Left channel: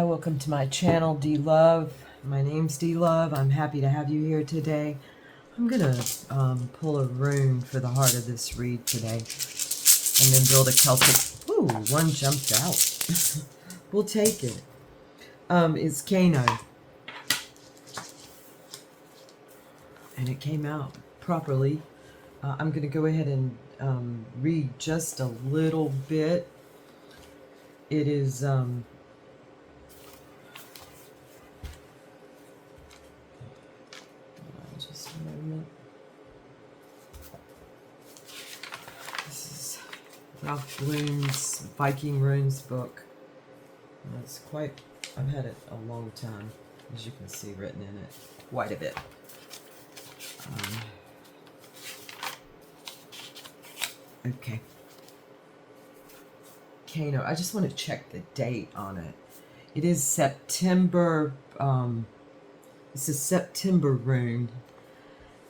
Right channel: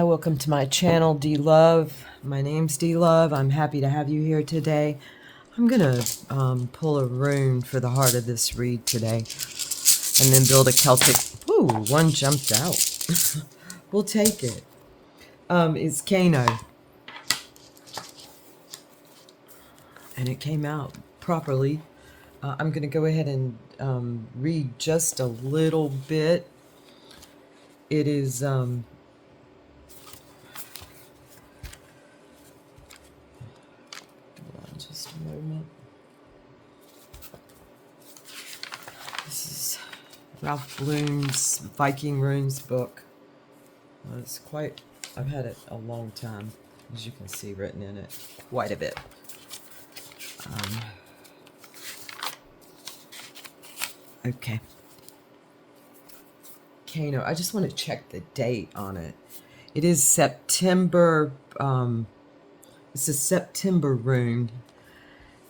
Hi, welcome to my channel, D Love. My name's D Love. I'm happy to have you here today. I'm gonna pull a rune for the heart of this read today, and then build a Celtic. Ooh, one jumped out. We'll take it. It's Kano, and it came out properly. I'm gonna go ahead and read just a little bit. It is just a moment. This is Ralph Bloom's Viking Runes book. It's quite, I've had it a long time, as you can see written in it, quite a bit. Okay. Kano, I just want to check the date on it. It is September, it's a September rune.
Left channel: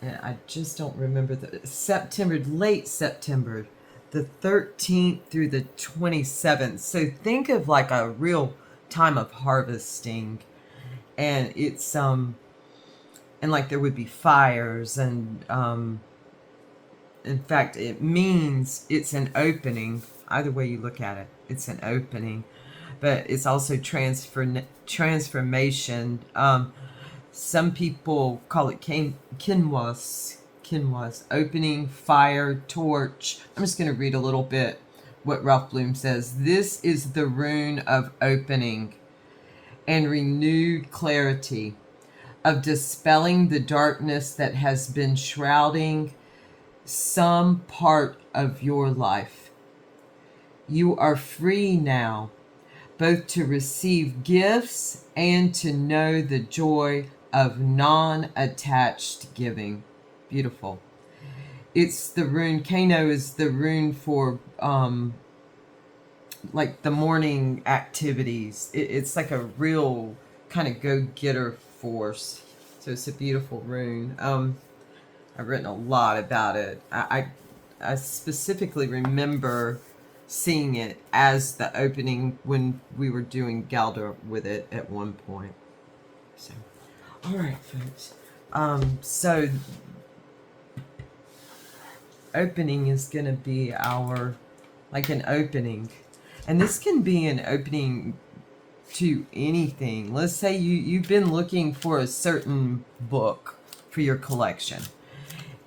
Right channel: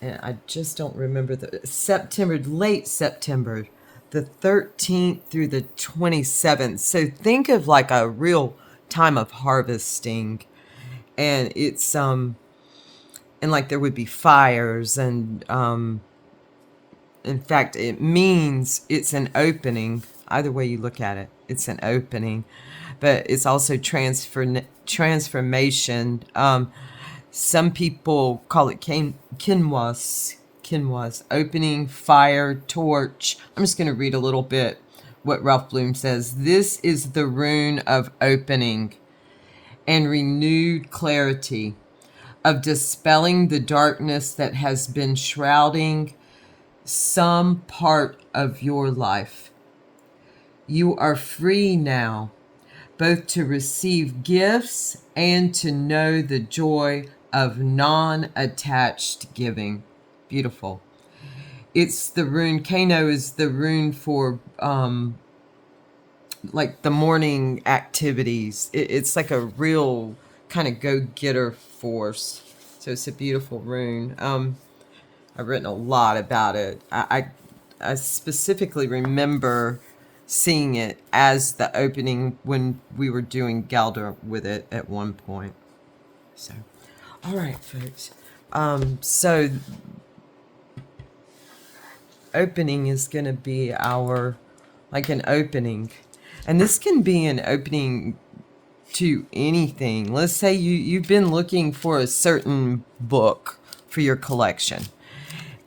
And I just don't remember the September, late September, the 13th through the 27th. So think of like a real time of harvesting. And it's, and like there would be fires and, in fact, it means it's an opening. Either way you look at it, it's an opening. But it's also transformation. Some people call it kinwas, opening, fire, torch. I'm just going to read a little bit what Ralph Bloom says. This is the rune of opening and renewed clarity, of dispelling the darkness that has been shrouding some part of your life. You are free now, both to receive gifts and to know the joy of non-attached giving. Beautiful. It's the rune, Kano is the rune for like the morning activities. It's like a real kind of go-getter force. So it's a beautiful rune. I've written a lot about it. I specifically remember seeing it as the opening when we were doing Galdor with it at one point. So, all right, folks. So opening is going to be our, like an opening. And this can be an opening to anything. Let's say you've been looking for a certain book for your collection,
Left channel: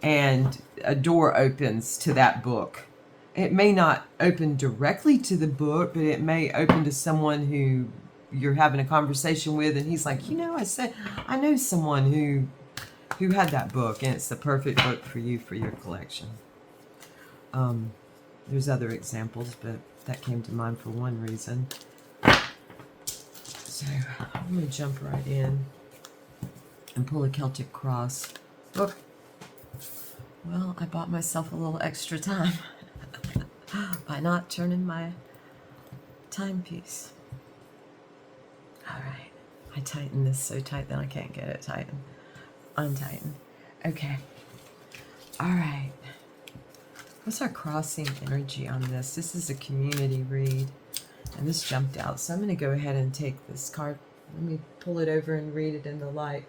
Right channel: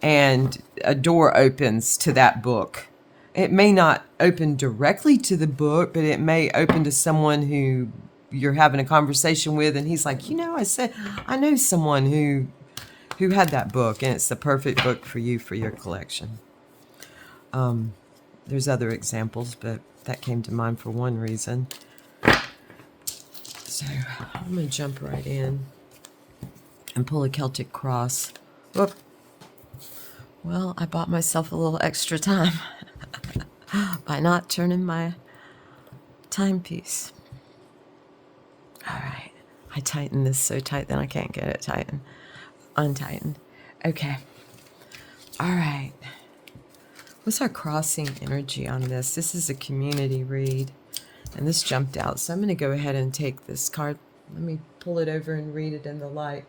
and a door opens to that book. It may not open directly to the book, but it may open to someone who you're having a conversation with, and he's like, you know, I know someone who had that book, and it's the perfect book for you for your collection. There's other examples, but that came to mind for one reason. So I'm going to jump right in and pull a Celtic cross. Look. Well, I bought myself a little extra time by not turning my timepiece. All right. I tighten this so tight that I can't get it tightened. Untightened. Okay. All right. What's our crossing energy on this? This is a community read, and this jumped out. So I'm going to go ahead and take this card. Let me pull it over and read it in the light.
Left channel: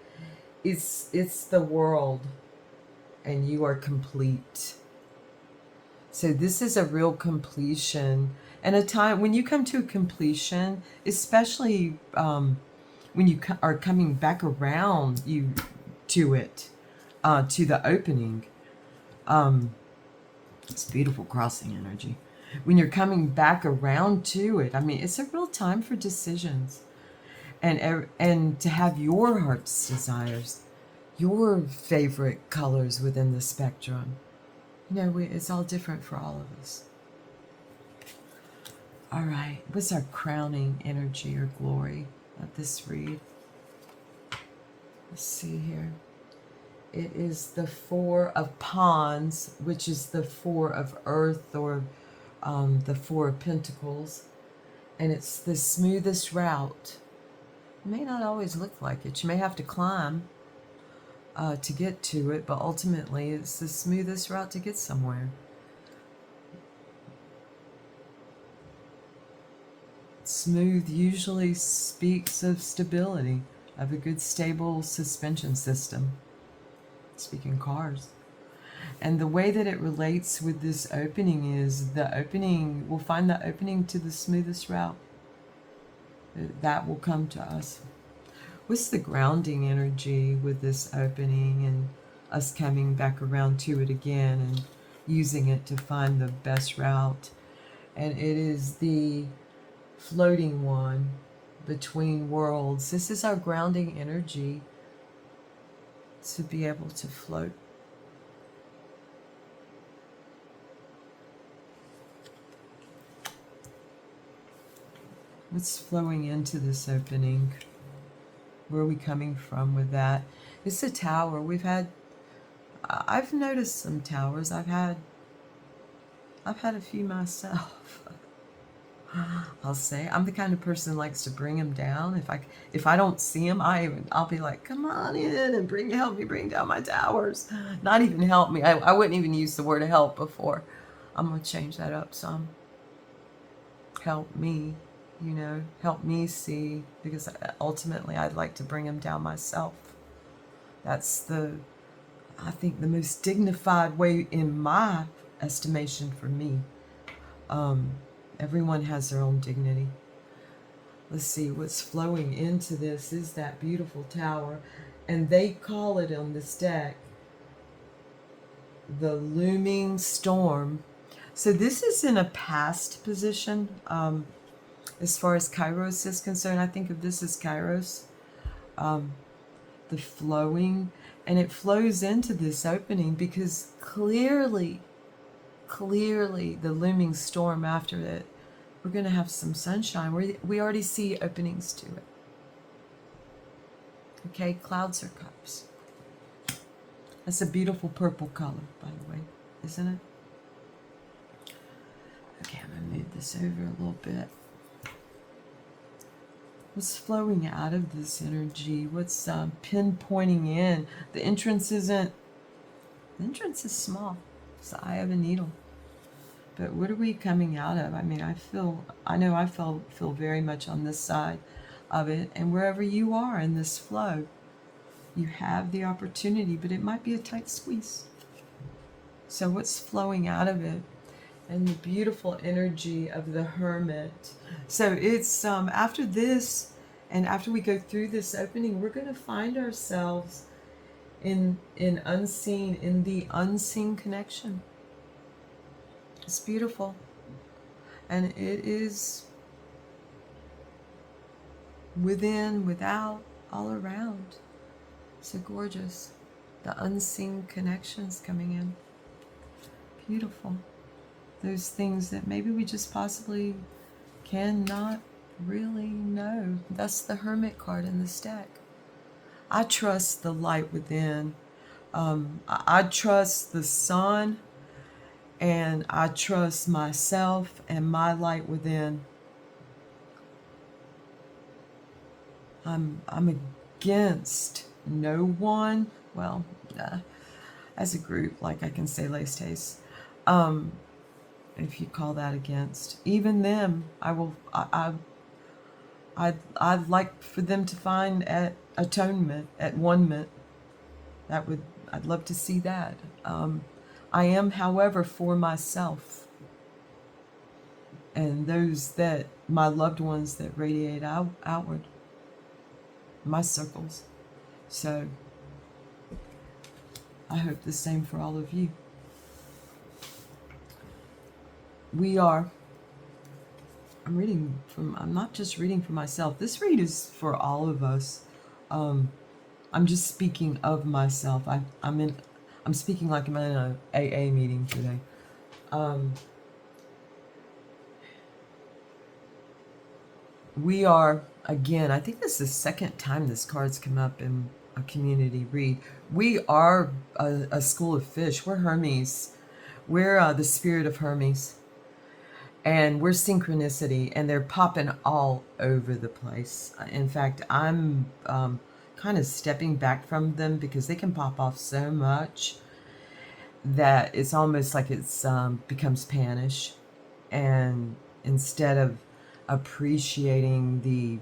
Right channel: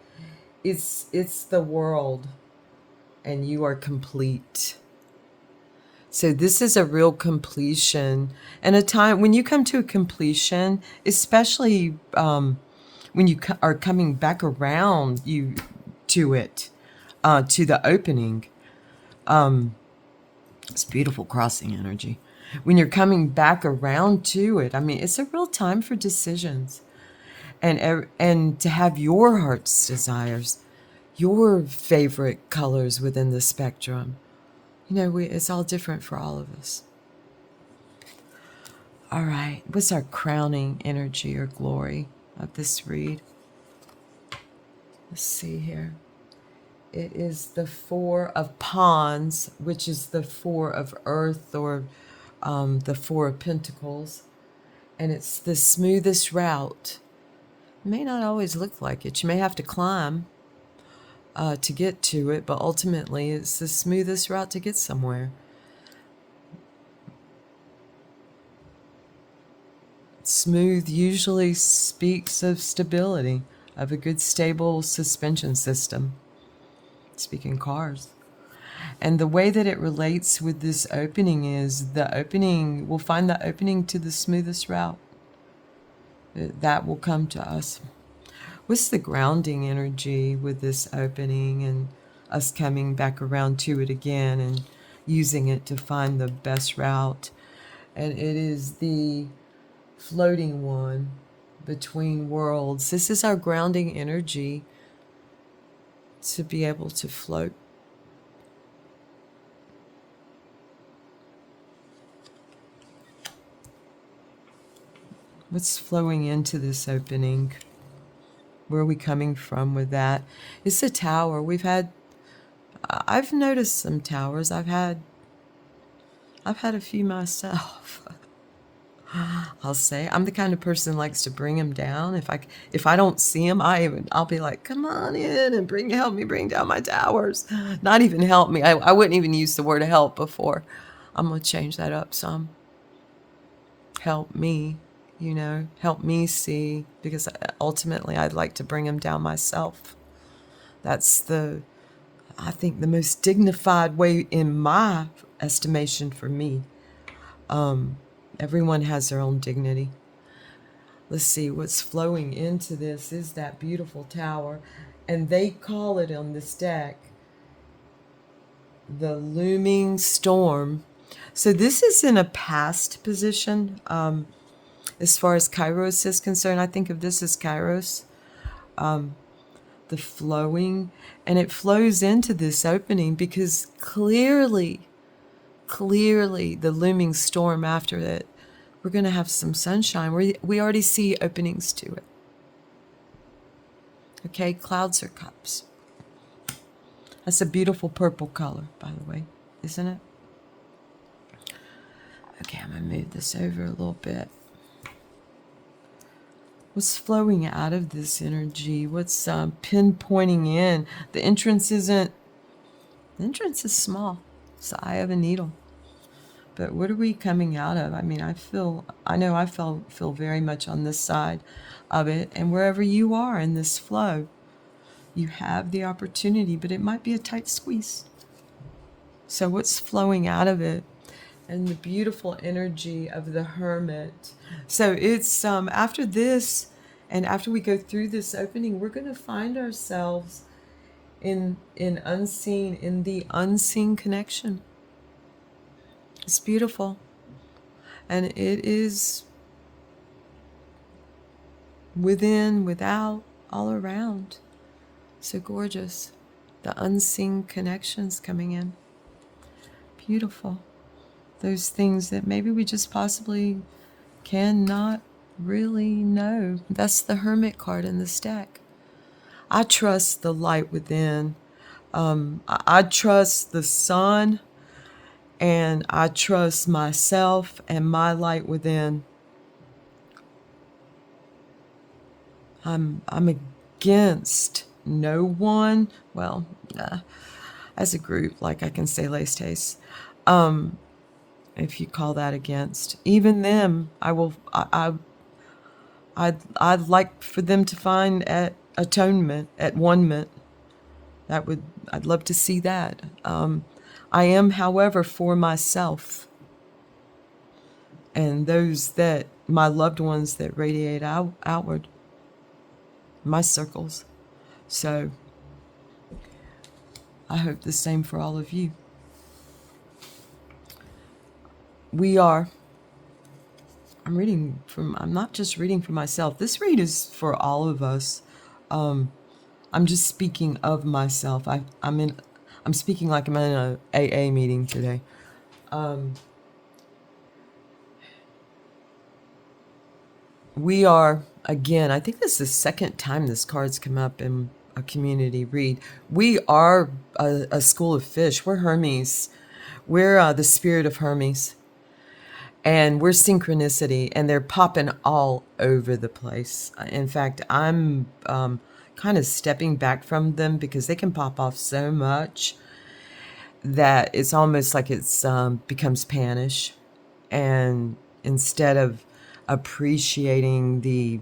It's the world, and you are complete. So this is a real completion, and a time when you come to a completion, especially when you are coming back around to it, to the opening. It's beautiful crossing energy. When you're coming back around to it, I mean, it's a real time for decisions, and to have your heart's desires, your favorite colors within the spectrum. You know, it's all different for all of us. All right, what's our crowning energy or glory of this read? Let's see here. It is the Four of Wands, which is the Four of Earth, or the Four of Pentacles. And it's the smoothest route. It may not always look like it. You may have to climb to get to it, but ultimately it's the smoothest route to get somewhere. Smooth usually speaks of stability, of a good stable suspension system. Speaking cars. And the way that it relates with this opening is we'll find the opening to the smoothest route. That will come to us. What's the grounding energy with this opening and us coming back around to it again and using it to find the best route? And it is the floating one between worlds. This is our grounding energy to be able to float. What's flowing into this opening? Where are we coming from with that? It's a tower. I've noticed some towers. I've had a few myself. I'll say I'm the kind of person who likes to bring them down. If I don't see them, I'll be like, come on in and help me bring down my towers. Not even help me. I wouldn't even use the word help before. I'm gonna change that up some. Help me, help me see, because ultimately I'd like to bring them down myself. That's I think the most dignified way in my estimation for me. Everyone has their own dignity. Let's see, what's flowing into this is that beautiful tower. And they call it on this deck the looming storm. So this is in a past position. As far as Kairos is concerned, I think of this as Kairos. The flowing. And it flows into this opening because clearly the looming storm after it, we're going to have some sunshine. We already see openings to it. Okay, clouds are cups. That's a beautiful purple color, by the way, isn't it? Okay, I'm going to move this over a little bit. What's flowing out of this energy? What's pinpointing in? The entrance is small. It's the eye of a needle. But what are we coming out of? I mean, I know I feel very much on this side of it. And wherever you are in this flow, you have the opportunity, but it might be a tight squeeze. So what's flowing out of it? And the beautiful energy of the Hermit. So it's after this, and after we go through this opening, we're going to find ourselves in the unseen connection. It's beautiful. And it is within, without, all around. So gorgeous. The unseen connections coming in. Beautiful. Those things that maybe we just possibly cannot really know. That's the Hermit card in this deck. I trust the light within. I trust the sun, and I trust myself and my light within. I'm against no one. Well, as a group, like I can say Les Taste. If you call that against, even them, I'd like for them to find at atonement, at one-ment. I'd love to see that. I am, however, for myself and my loved ones that radiate outward, my circles. So I hope the same for all of you. I'm not just reading for myself. This read is for all of us. I'm just speaking of myself. I'm speaking like I'm in an AA meeting today. We are, again, I think this is the second time this card's come up in a community read. We are a school of fish. We're Hermes. We're the spirit of Hermes. And we're synchronicity, and they're popping all over the place. In fact, I'm kind of stepping back from them because they can pop off so much that it's almost like it's becomes panish. And instead of appreciating the,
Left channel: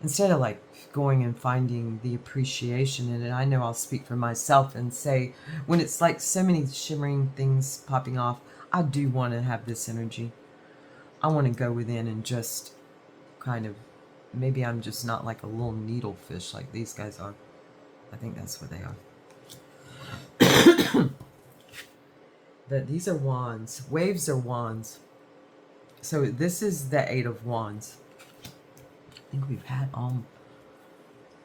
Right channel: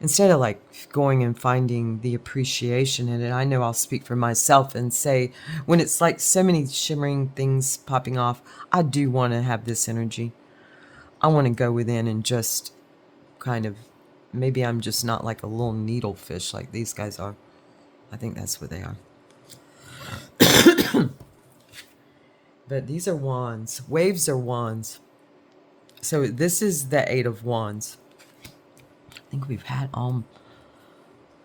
instead of like going and finding the appreciation in it. I know I'll speak for myself and say, when it's like so many shimmering things popping off, I do want to have this energy. I want to go within and just kind of, maybe I'm just not like a little needlefish like these guys are. I think that's what they are. But these are wands. Waves are wands. So this is the 8 of wands. I think we've had all,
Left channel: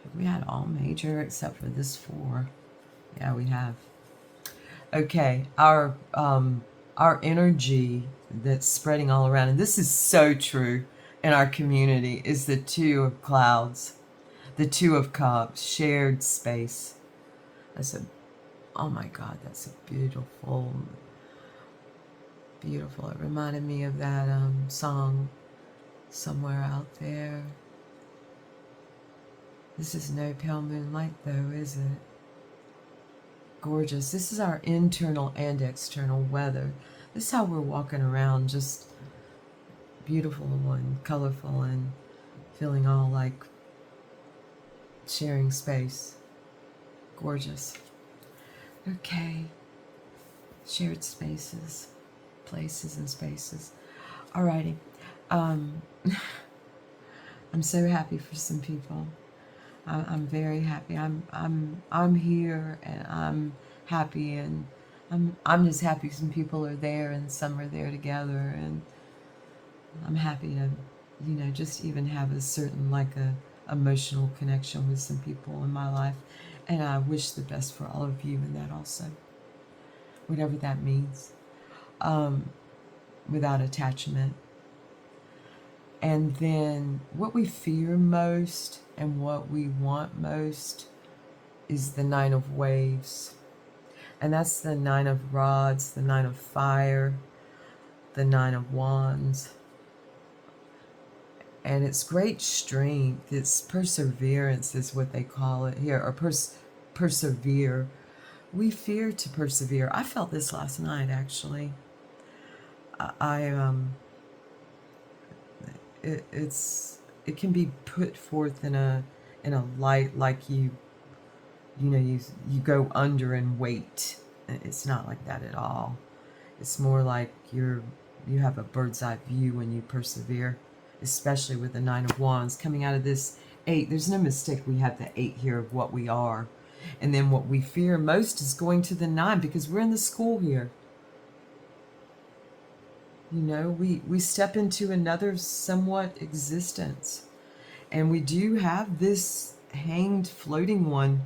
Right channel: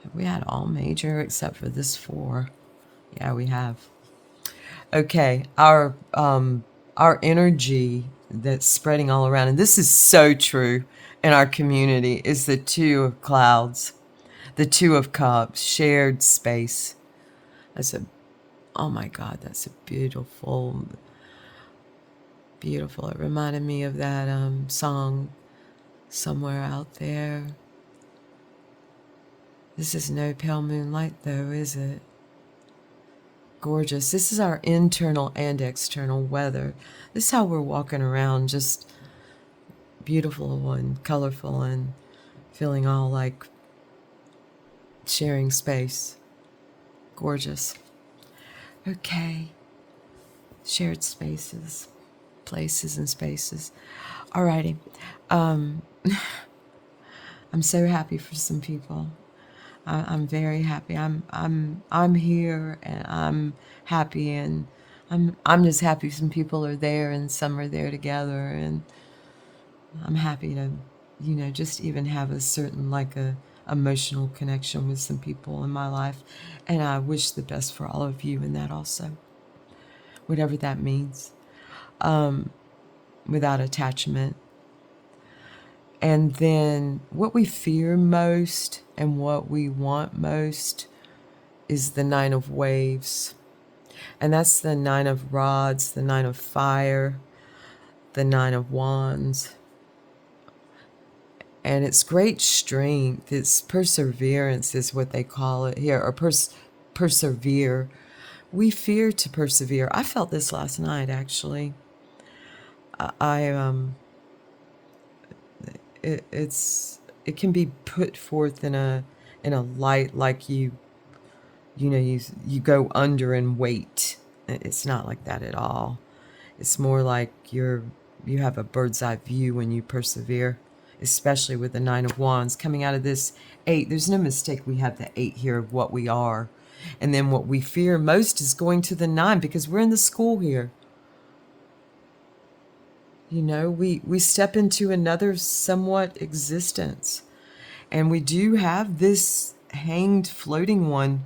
have we had all major except for this 4? Yeah, we have. Okay, our energy that's spreading all around, and this is so true in our community, is the 2 of clouds, the 2 of cups, shared space. That's a, oh my God, that's a beautiful, beautiful. It reminded me of that song, Somewhere Out There. This is no pale moonlight though, is it? Gorgeous. This is our internal and external weather. This is how we're walking around, just beautiful and colorful and feeling all like sharing space. Gorgeous. Okay. Shared spaces, places and spaces. Alrighty. I'm so happy for some people. I'm very happy. I'm here and I'm happy, and I'm just happy some people are there and some are there together, and I'm happy to, you know, just even have a certain like a emotional connection with some people in my life, and I wish the best for all of you in that also, whatever that means, without attachment. And then what we fear most and what we want most is the 9 of waves. And that's the 9 of rods, the 9 of fire, the 9 of wands. And it's great strength. It's perseverance is what they call it here, or persevere. We fear to persevere. I felt this last night, actually. It can be put forth in a light like you go under and wait. It's not like that at all. It's more like you have a bird's eye view when you persevere, especially with the 9 of wands coming out of this 8. There's no mistake, we have the 8 here of what we are. And then what we fear most is going to the 9, because we're in the school here. You know, we step into another somewhat existence. And we do have this hanged floating one,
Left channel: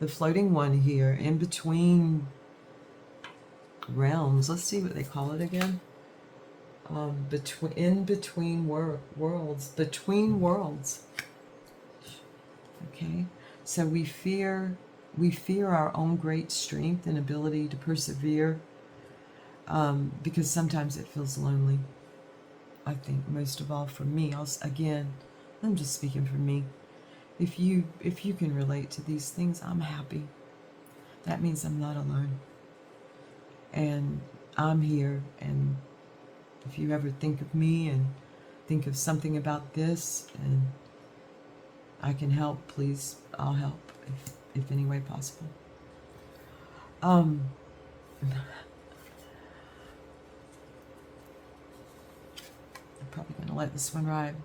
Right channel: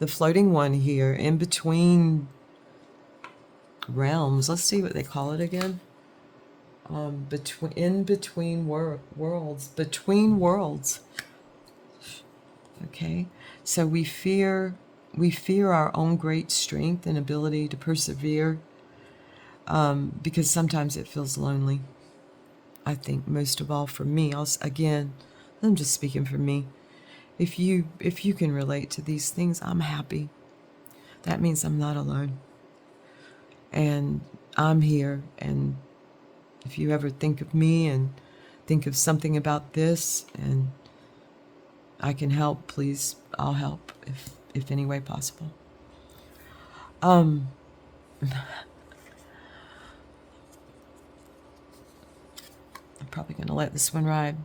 the floating one here in between realms. Let's see what they call it again. Between worlds. Okay, so we fear our own great strength and ability to persevere, because sometimes it feels lonely. I think most of all for me. I'm just speaking for me. If you can relate to these things, I'm happy. That means I'm not alone. And I'm here, and if you ever think of me and think of something about this and I can help, please, I'll help if any way possible. I'm probably going to let this one ride.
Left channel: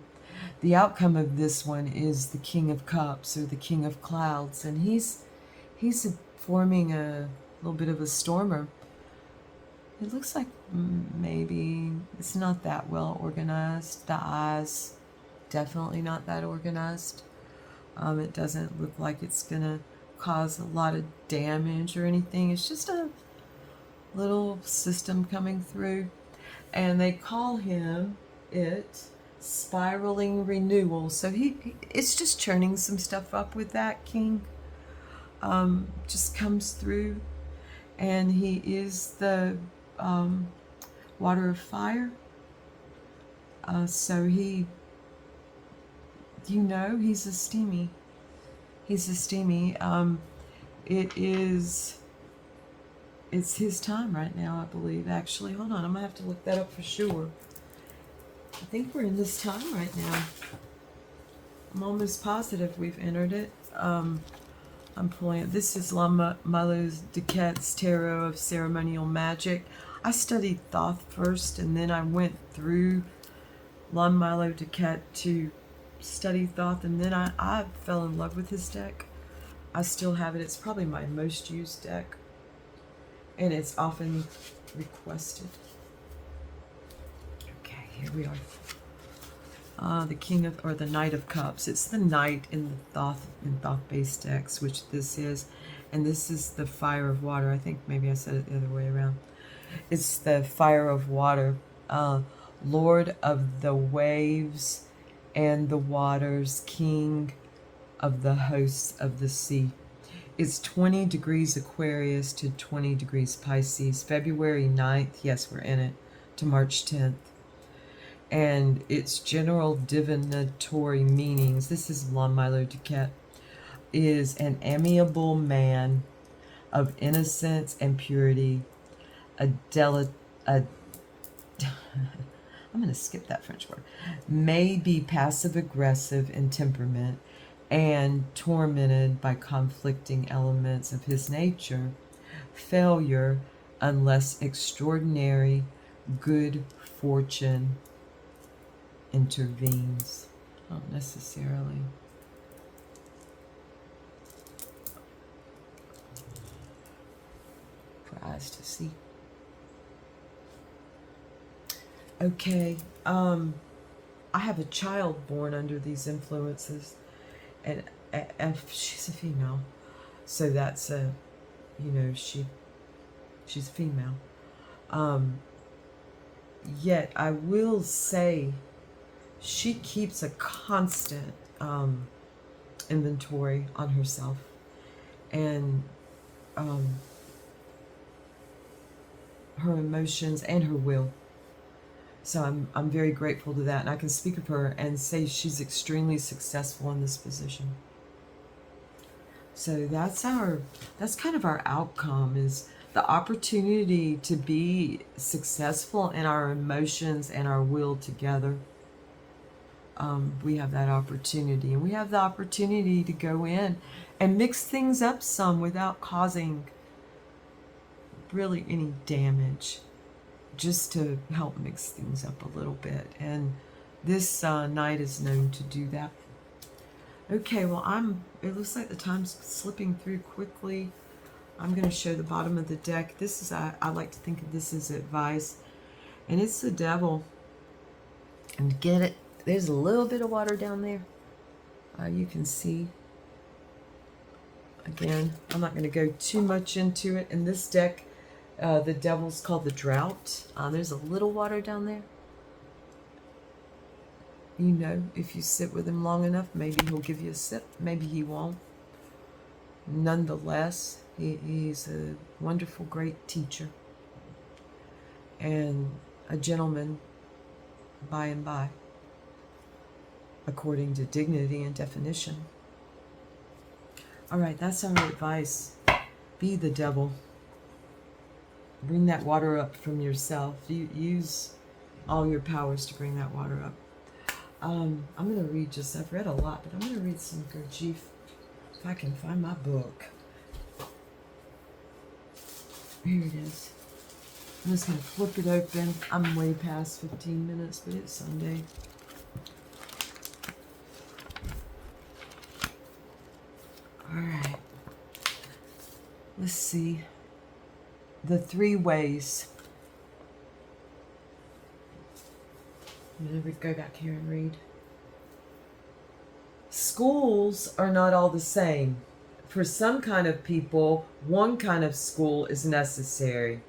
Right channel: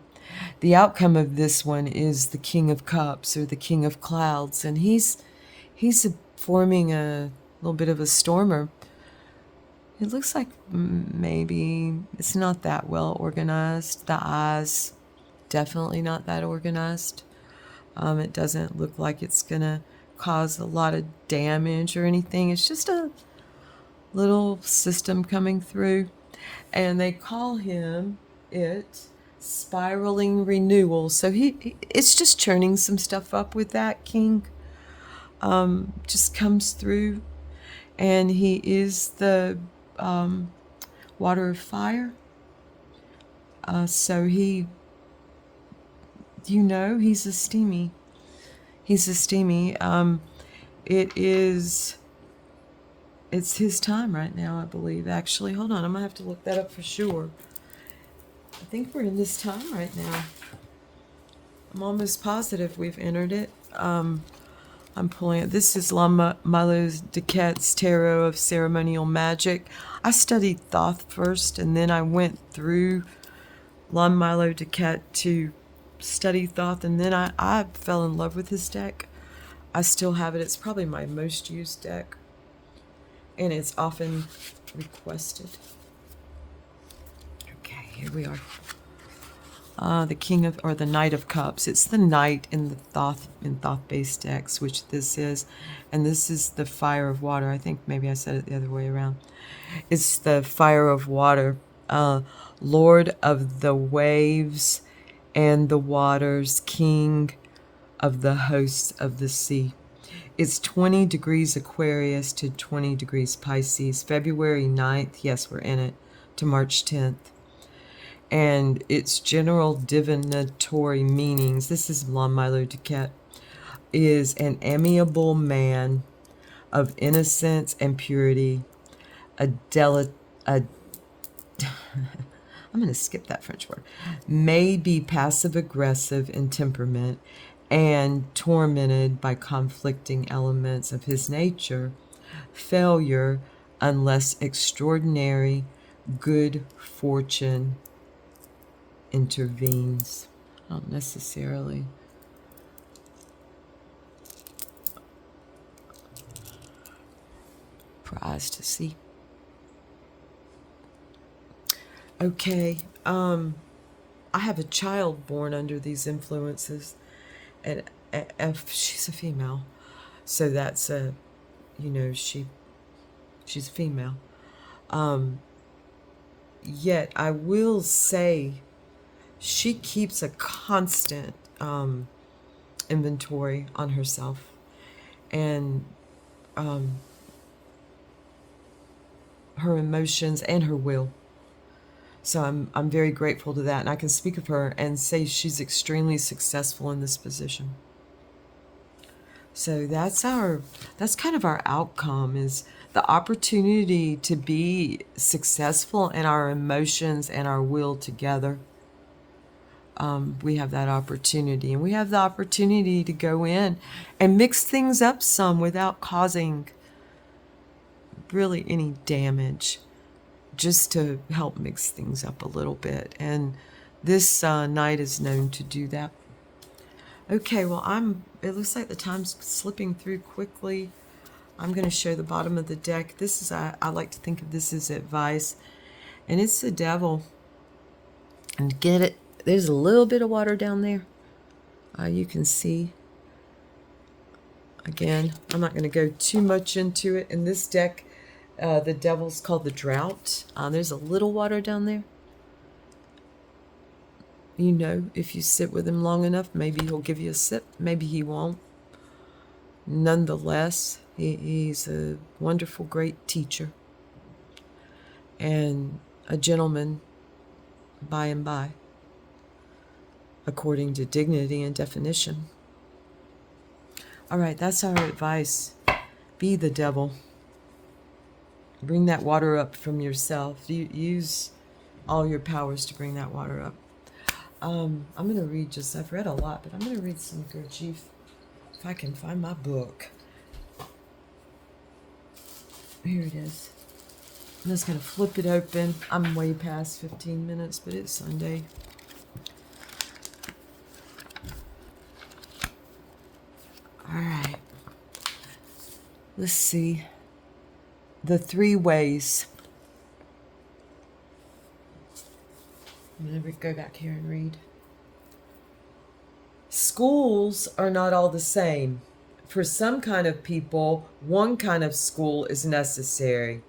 The outcome of this one is the King of Cups, or the King of Clouds, and he's forming a little bit of a stormer. It looks like maybe it's not that well organized. The eyes, definitely not that organized. It doesn't look like it's going to cause a lot of damage or anything. It's just a little system coming through. And they call it spiraling renewal. So it's just churning some stuff up with that king. Just comes through. And he is the water of fire. So he's a steamy. It's his time right now, I believe. Actually, hold on, I'm gonna have to look that up for sure. I think we're in this time right now. I'm almost positive we've entered it. I'm pulling it. This is Lama Milo Duquette's Tarot of Ceremonial Magic. I studied Thoth first, and then I went through Lama Milo Duquette to study Thoth, and then I fell in love with his deck. I still have it. It's probably my most used deck, and it's often requested. Okay, here we are. The King of, or the Knight of Cups. It's the Knight in the Thoth-based decks, which this is, and this is the Fire of Water. I think maybe I said it the other way around. It's the Fire of Water, Lord of the waves and the waters, King of the hosts of the sea. It's 20 degrees Aquarius to 20 degrees Pisces, February 9th, yes, we're in it, to March 10th. And its general divinatory meanings, this is Lama Milo Duquette, is an amiable man of innocence and purity, I'm going to skip that French word, may be passive-aggressive in temperament and tormented by conflicting elements of his nature, failure unless extraordinary good fortune intervenes. Not necessarily. Prize to see. Okay, I have a child born under these influences, and if she's a female, so that's a, you know, she's a female. Yet I will say, she keeps a constant inventory on herself, and her emotions and her will. So I'm very grateful to that, and I can speak of her and say she's extremely successful in this position. So that's kind of our outcome, is the opportunity to be successful in our emotions and our will together. We have that opportunity, and we have the opportunity to go in and mix things up some without causing really any damage, just to help mix things up a little bit. And this night is known to do that. Okay, well, it looks like the time's slipping through quickly. I'm going to show the bottom of the deck. This is, I like to think of this as advice, and it's the Devil. And get it, there's a little bit of water down there. You can see. Again, I'm not going to go too much into it. In this deck, the Devil's called the Drought. There's a little water down there. You know, if you sit with him long enough, maybe he'll give you a sip, maybe he won't. Nonetheless, he's a wonderful, great teacher, and a gentleman by and by, according to dignity and definition. All right, that's our advice. Be the Devil. Bring that water up from yourself. Use all your powers to bring that water up. I'm going to read I've read a lot, but I'm going to read some Gurdjieff, if I can find my book. Here it is. I'm just going to flip it open. I'm way past 15 minutes, but it's Sunday. All right. Let's see. The 3 ways. I'm going to go back here and read. Schools are not all the same. For some kind of people, one kind of school is necessary.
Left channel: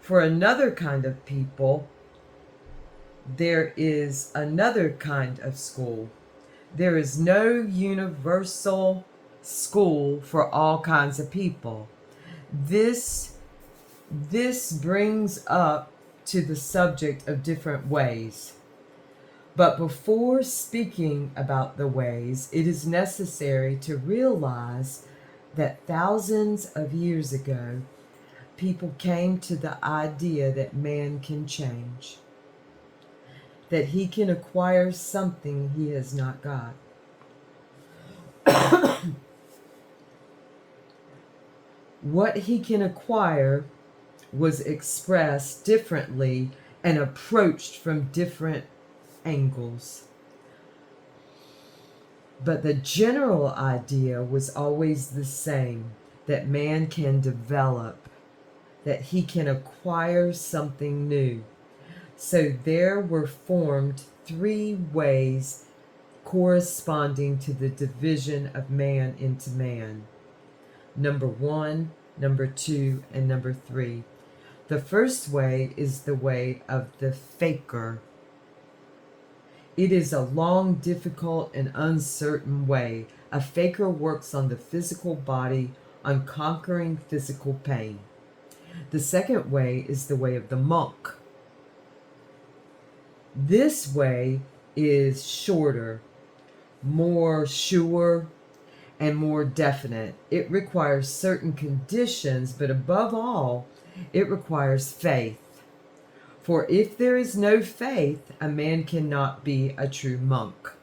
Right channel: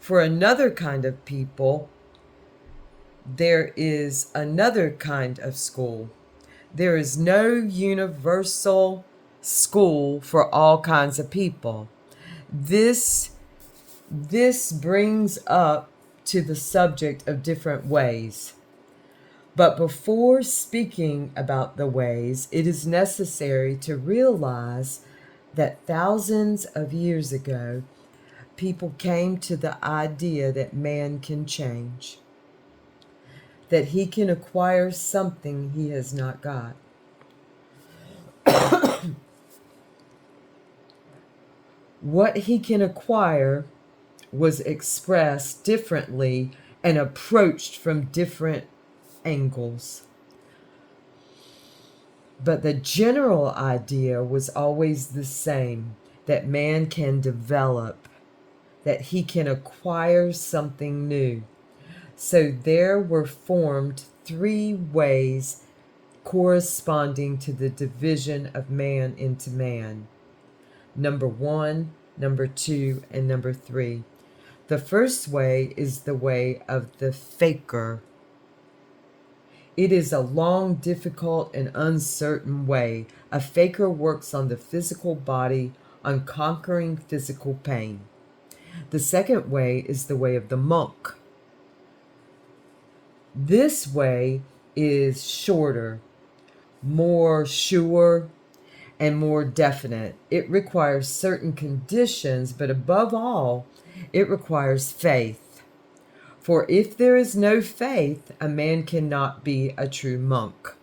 For another kind of people, there is another kind of school. There is no universal school for all kinds of people. This brings up to the subject of different ways. But before speaking about the ways, it is necessary to realize that thousands of years ago, people came to the idea that man can change. that he can acquire something he has not got. What he can acquire was expressed differently and approached from different angles. But the general idea was always the same, that man can develop, that he can acquire something new. So there were formed 3 ways corresponding to the division of man into man. Number 1, number 2, and number 3. The first way is the way of the faker. It is a long, difficult, and uncertain way. A faker works on the physical body, on conquering physical pain. The second way is the way of the monk. This way is shorter, more sure, and more definite. It requires certain conditions, but above all, it requires faith. For if there is no faith, a man cannot be a true monk.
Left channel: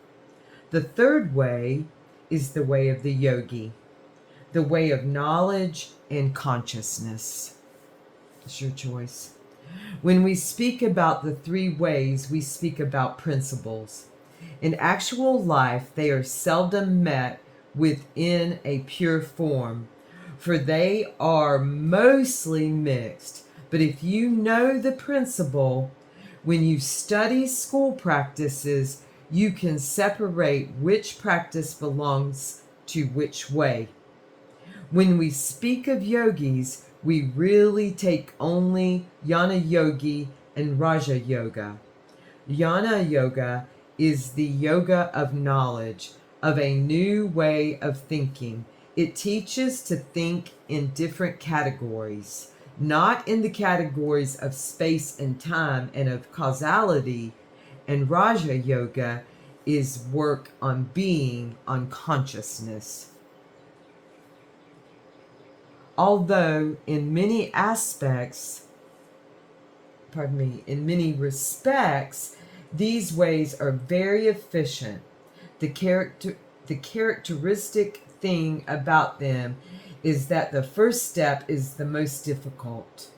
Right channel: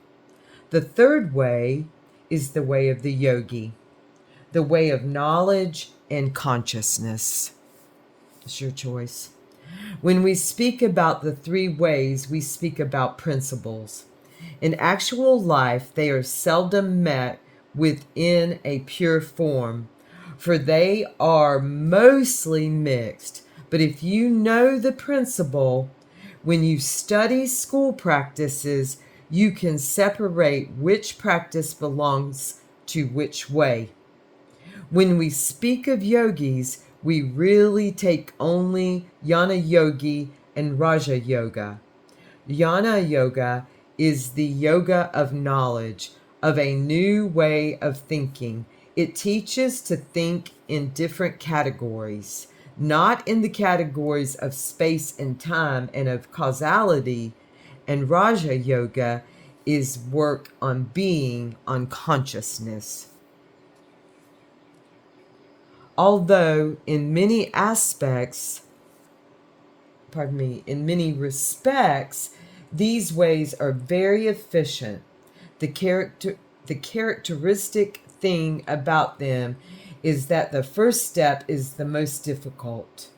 The third way is the way of the yogi, the way of knowledge and consciousness. It's your choice. When we speak about the 3 ways, we speak about principles. In actual life, they are seldom met within a pure form, for they are mostly mixed. But if you know the principle, when you study school practices, you can separate which practice belongs to which way. When we speak of yogis, we really take only Jnana Yogi and Raja Yoga. Jnana Yoga is the yoga of knowledge, of a new way of thinking. It teaches to think in different categories, not in the categories of space and time and of causality. And Raja Yoga is work on being, on consciousness. Although in many respects, these ways are very efficient. The characteristic thing about them is that the first step is the most difficult.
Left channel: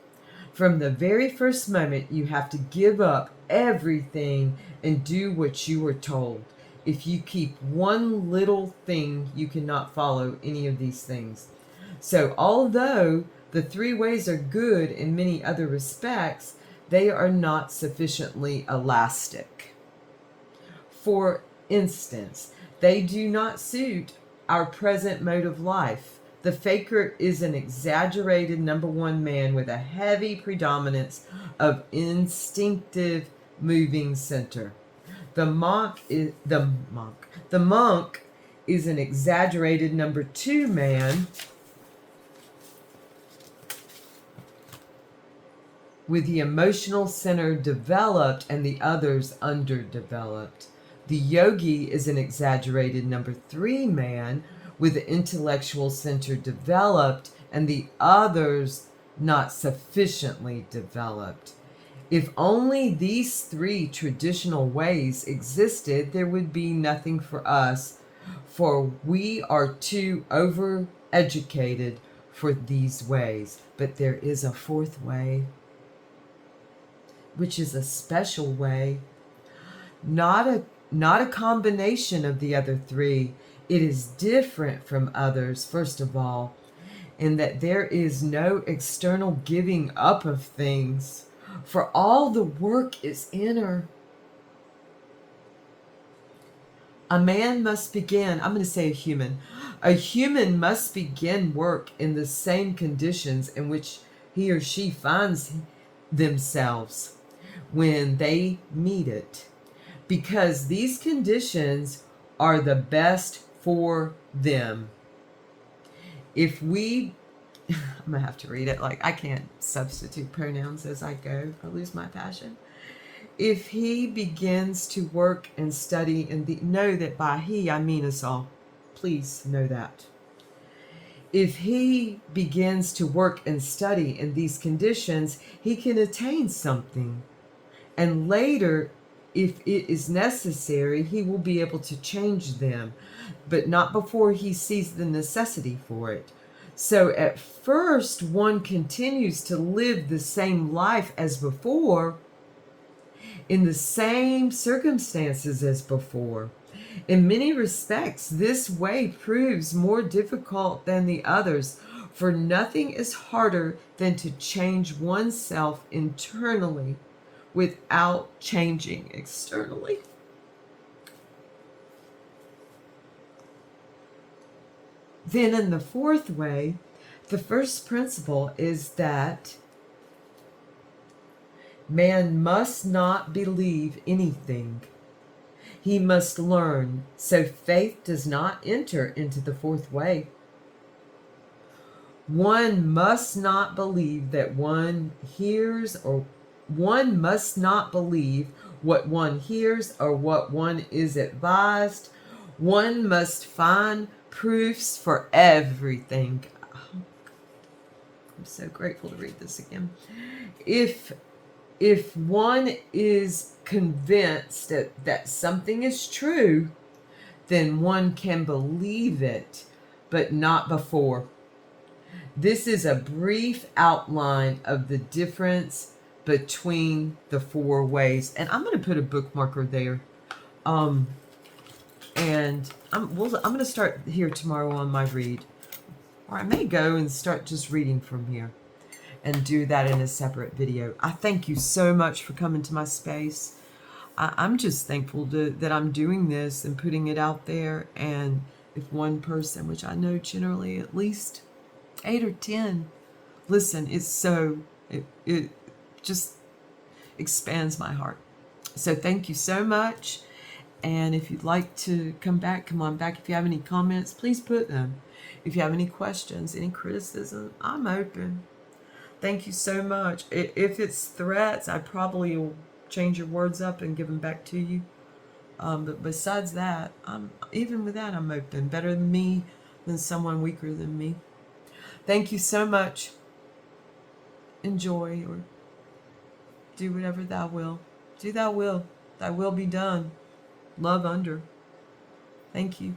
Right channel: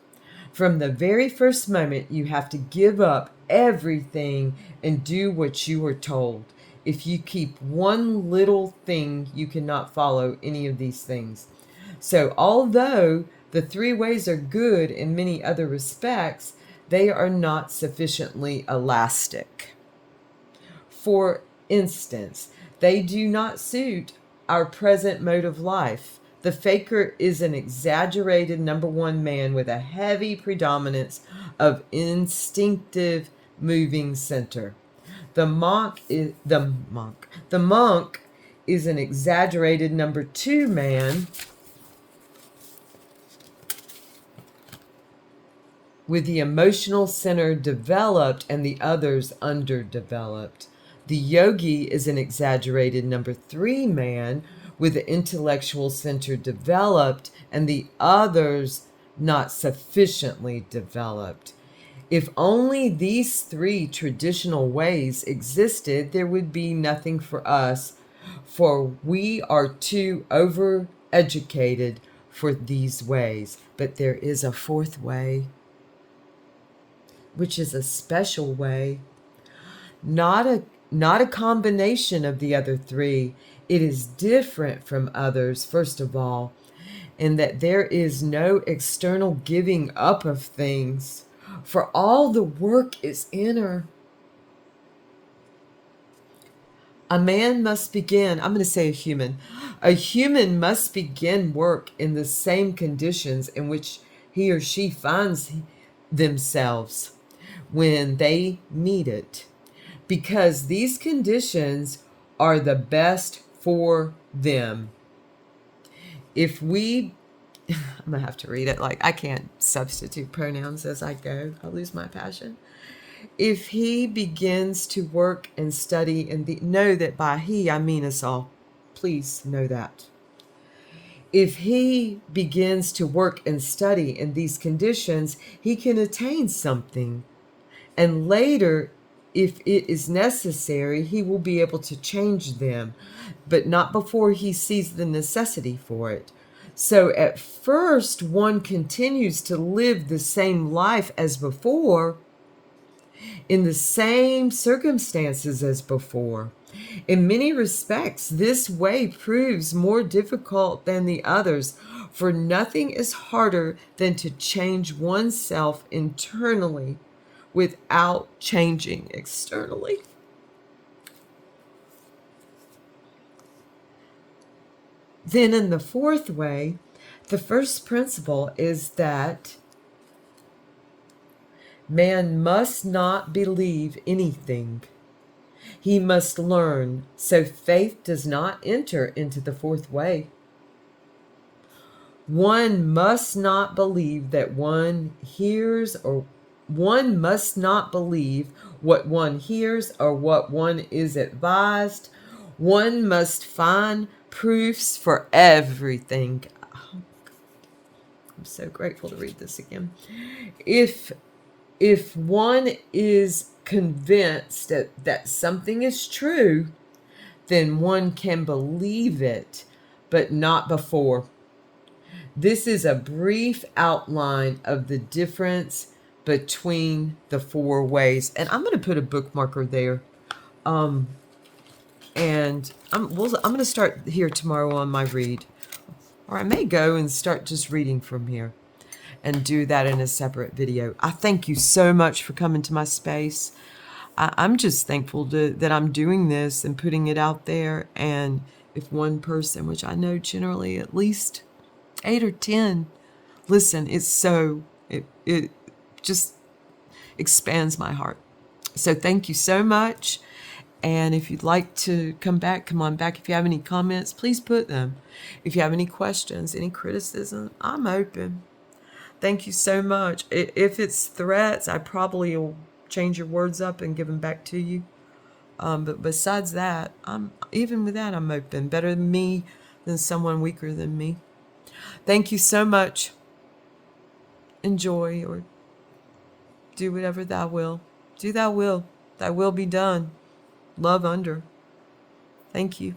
From the very first moment, you have to give up everything and do what you are told. If you keep one little thing, you cannot follow any of these things. So although the 3 ways are good in many other respects, they are not sufficiently elastic. For instance, they do not suit our present mode of life. The faker is an exaggerated number 1 man with a heavy predominance of instinctive moving center. The monk is an exaggerated number 2 man with the emotional center developed and the others underdeveloped. The yogi is an exaggerated number 3 man with the intellectual center developed and the others not sufficiently developed. If only these 3 traditional ways existed, there would be nothing for us, for we are too overeducated for these ways. But there is a 4th way, which is a special way, not a combination of the other 3. It is different from others, first of all, in that there is no external giving up of things, for all the work is inner. A man must begin, I'm going to say a human must begin work in the same conditions in which he or she finds themselves when they need it, because these conditions are the best for them. If we, I'm going to have to read it, like I can't substitute pronouns as I go, I'll lose my passion. If he begins to work and study, know that by he I mean us all. Please know that. If he begins to work and study in these conditions, he can attain something. And later, if it is necessary, he will be able to change them, but not before he sees the necessity for it. So at first, one continues to live the same life as before, in the same circumstances as before. In many respects, this way proves more difficult than the others, for nothing is harder than to change oneself internally without changing externally. Then, in the fourth way, the first principle is that man must not believe anything. He must learn, so faith does not enter into the fourth way. One must not believe that one hears, or one must not believe what one hears or what one is advised. One must find proofs for everything. I'm so grateful to read this again. If one is convinced that something is true, then one can believe it, but not before. This is a brief outline of the difference between the four ways. And I'm going to put a bookmarker there. And I'm going to start here tomorrow on my read. Or I may go and start just reading from here and do that in a separate video. I thank you so much for coming to my space. I'm just thankful that I'm doing this and putting it out there. And if one person, which I know generally at least 8 or 10, listen, it just expands my heart. So thank you so much. And if you'd like to come back, come on back. If you have any comments, please put them. If you have any questions, any criticism, I'm open. Thank you so much. If it's threats, I probably will change your words up and give them back to you. But besides that, even with that, I'm open. Better than me than someone weaker than me. Thank you so much. Enjoy, or do whatever thou will. Do thy will. Thy will be done. Love under. Thank you.